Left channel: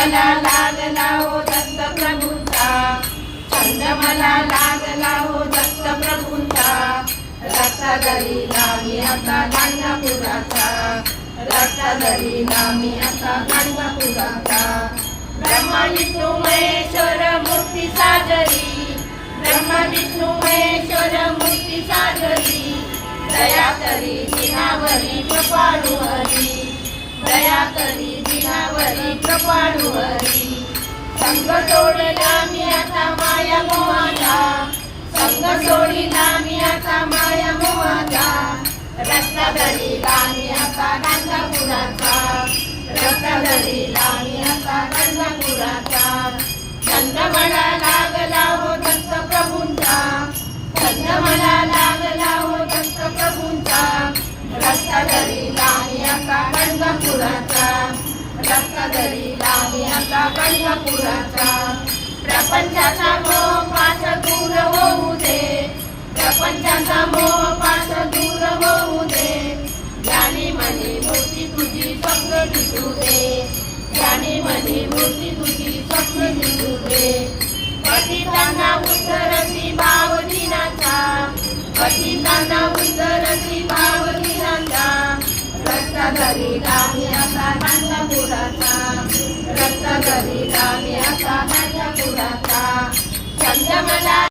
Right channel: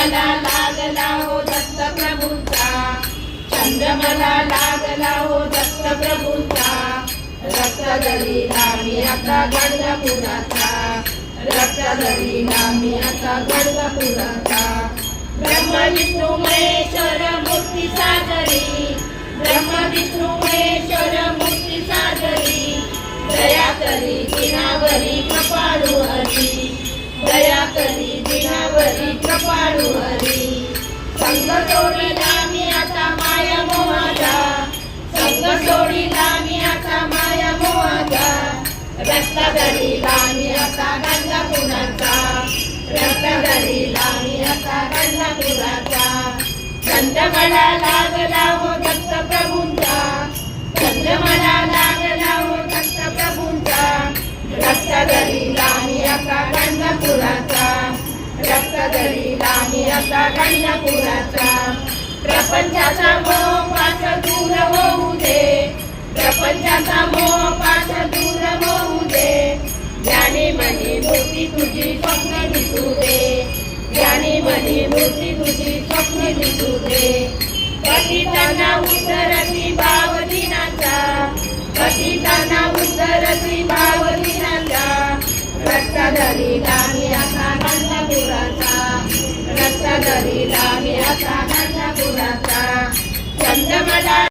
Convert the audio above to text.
मला लागला हो दत्त प्रभूंचा, छंद मला लागला हो दत्त प्रभूंचा. रक्त दरीला मी आता गाणगापुराचा, रक्त दरीला मी आता गाणगापुराचा. ब्रह्मा विष्णू महेश्वर मूर्ती सादरी, ब्रह्मा विष्णू महेश्वर मूर्ती सादरी. दया करी दिनावरी कृपाळू हरी, दया करी दिनावरी कृपाळू हरी. संग सोडीला मी आता माया मोहाचा, संग सोडीला मी आता माया मोहाचा. रत्नागिरीला मी आता गाणगापुराचा, रत्नागिरीला मी आता गाणगापुराचा. छंद मला लागला हो दत्त प्रभूंचा, छंद मला लागला हो दत्त प्रभूंचा. रत्नागिरीला मी आता गाणगापुराचा, रत्नागिरीला मी आता गाणगापुराचा. प्रपंचाचा मोह पाश दूर होऊ दे, प्रपंचाचा मोह पाश दूर होऊ दे. ज्ञानी मनी मूर्ती तुझी स्वप्न दिसू दे, ज्ञानी मनी मूर्ती तुझी स्वप्न दिसू दे. पतितांना उतरती भाव दिनाचा, पतितांना उतरती भाव दिनाचा. रत्नागिरीला मी आता गाणगापुराचा, रत्नागिरीला मी आता गाणगापुराचा. छंद मला